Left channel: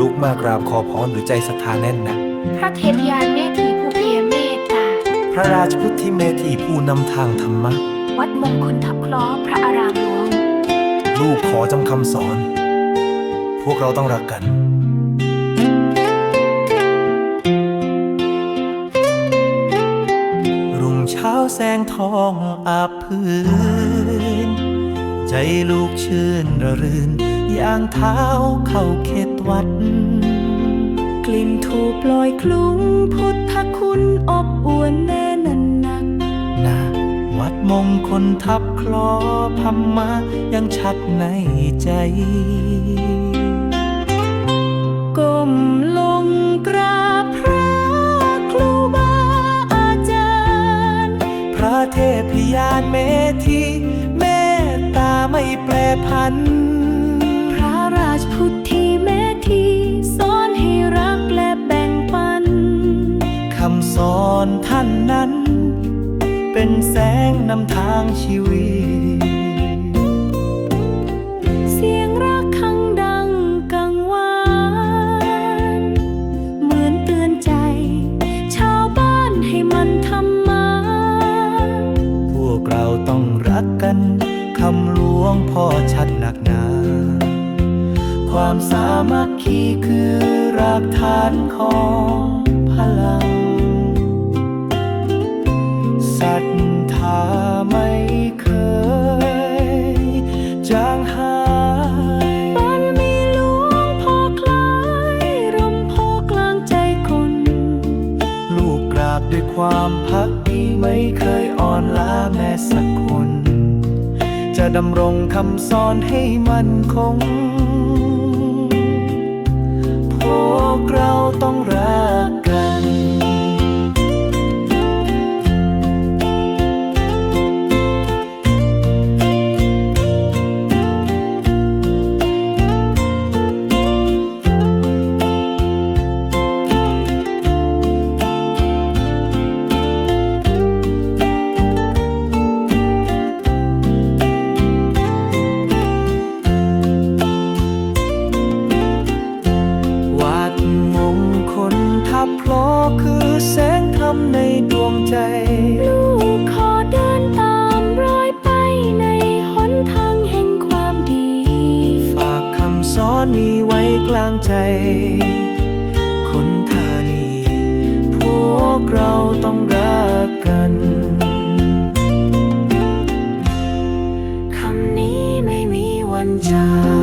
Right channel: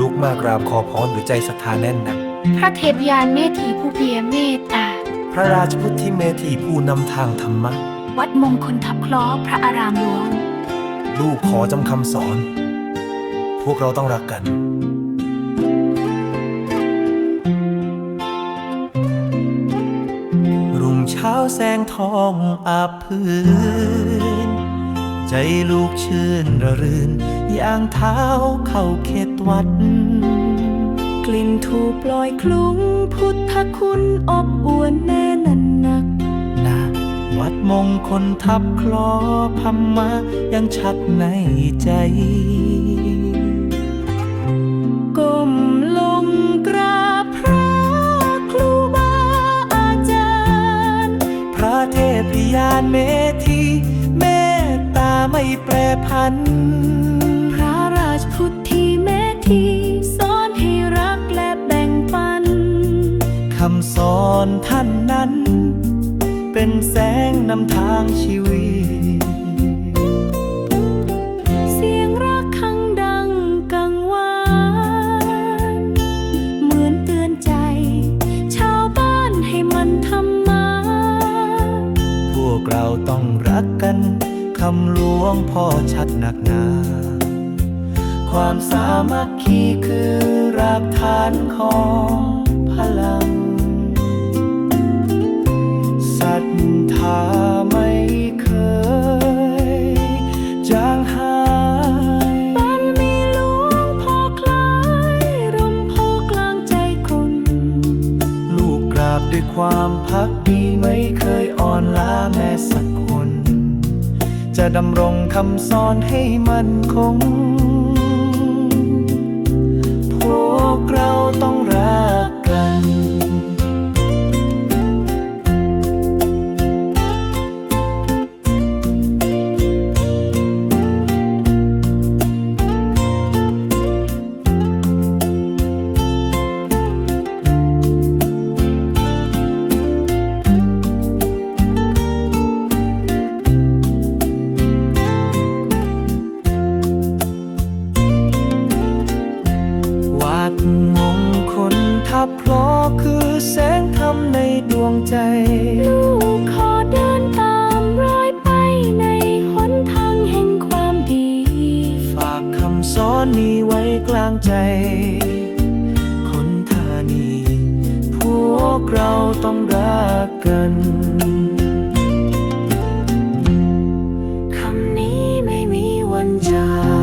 ลุกมากราบขอพรด้วยใจศรัทธาแน่นหนัก พระเทพยานเมธีผู้เพียรเมตตา พระราชพุทธิเมธีผู้นำทางธรรมะ วัดมงคลทับคล้อพระอารามหลวง ลูกขอจำคำสอน พวกเราต้องรักกัน รุ่งเช้าแสงทองอาบพื้น ใจลูกชื่นระรื่นย่างเท้าเข้าเขตวัด กลิ่นถูปลอยคลุ้ง พุทธคุณอบอวนแน่นันหนักนะวัดมงคลทับคลอพัมมายังชัดในใจก้ม เทพยานเมธีเมตตาไม่แปรพัน พระราชพุทธิเมธีสอนให้รักและแบ่งปัน คำสอนท่านนั้น เป็นแสงนำทางชีวิต เราต้องรักกัน คำหลวงพ่อชัดหนักหนา ความสามัคคีคือรากฐานของพลัง ศรัทธาไม่ ด้วยความพักดีไม่เคยอ่อนล้าแม้สักคน จะดำรงคำสอนให้มันคง พวกเราต้องรัก คลทับพลอคือแสงธรรมในดวงใจ ลูกขอเดินตามรอยไปในหนทางแห่งความดี ฝากคำสอนนี้ไว้กลางใจ คนธานีพวกเราต้องรักกันคำนี้ไม่มีวันจาง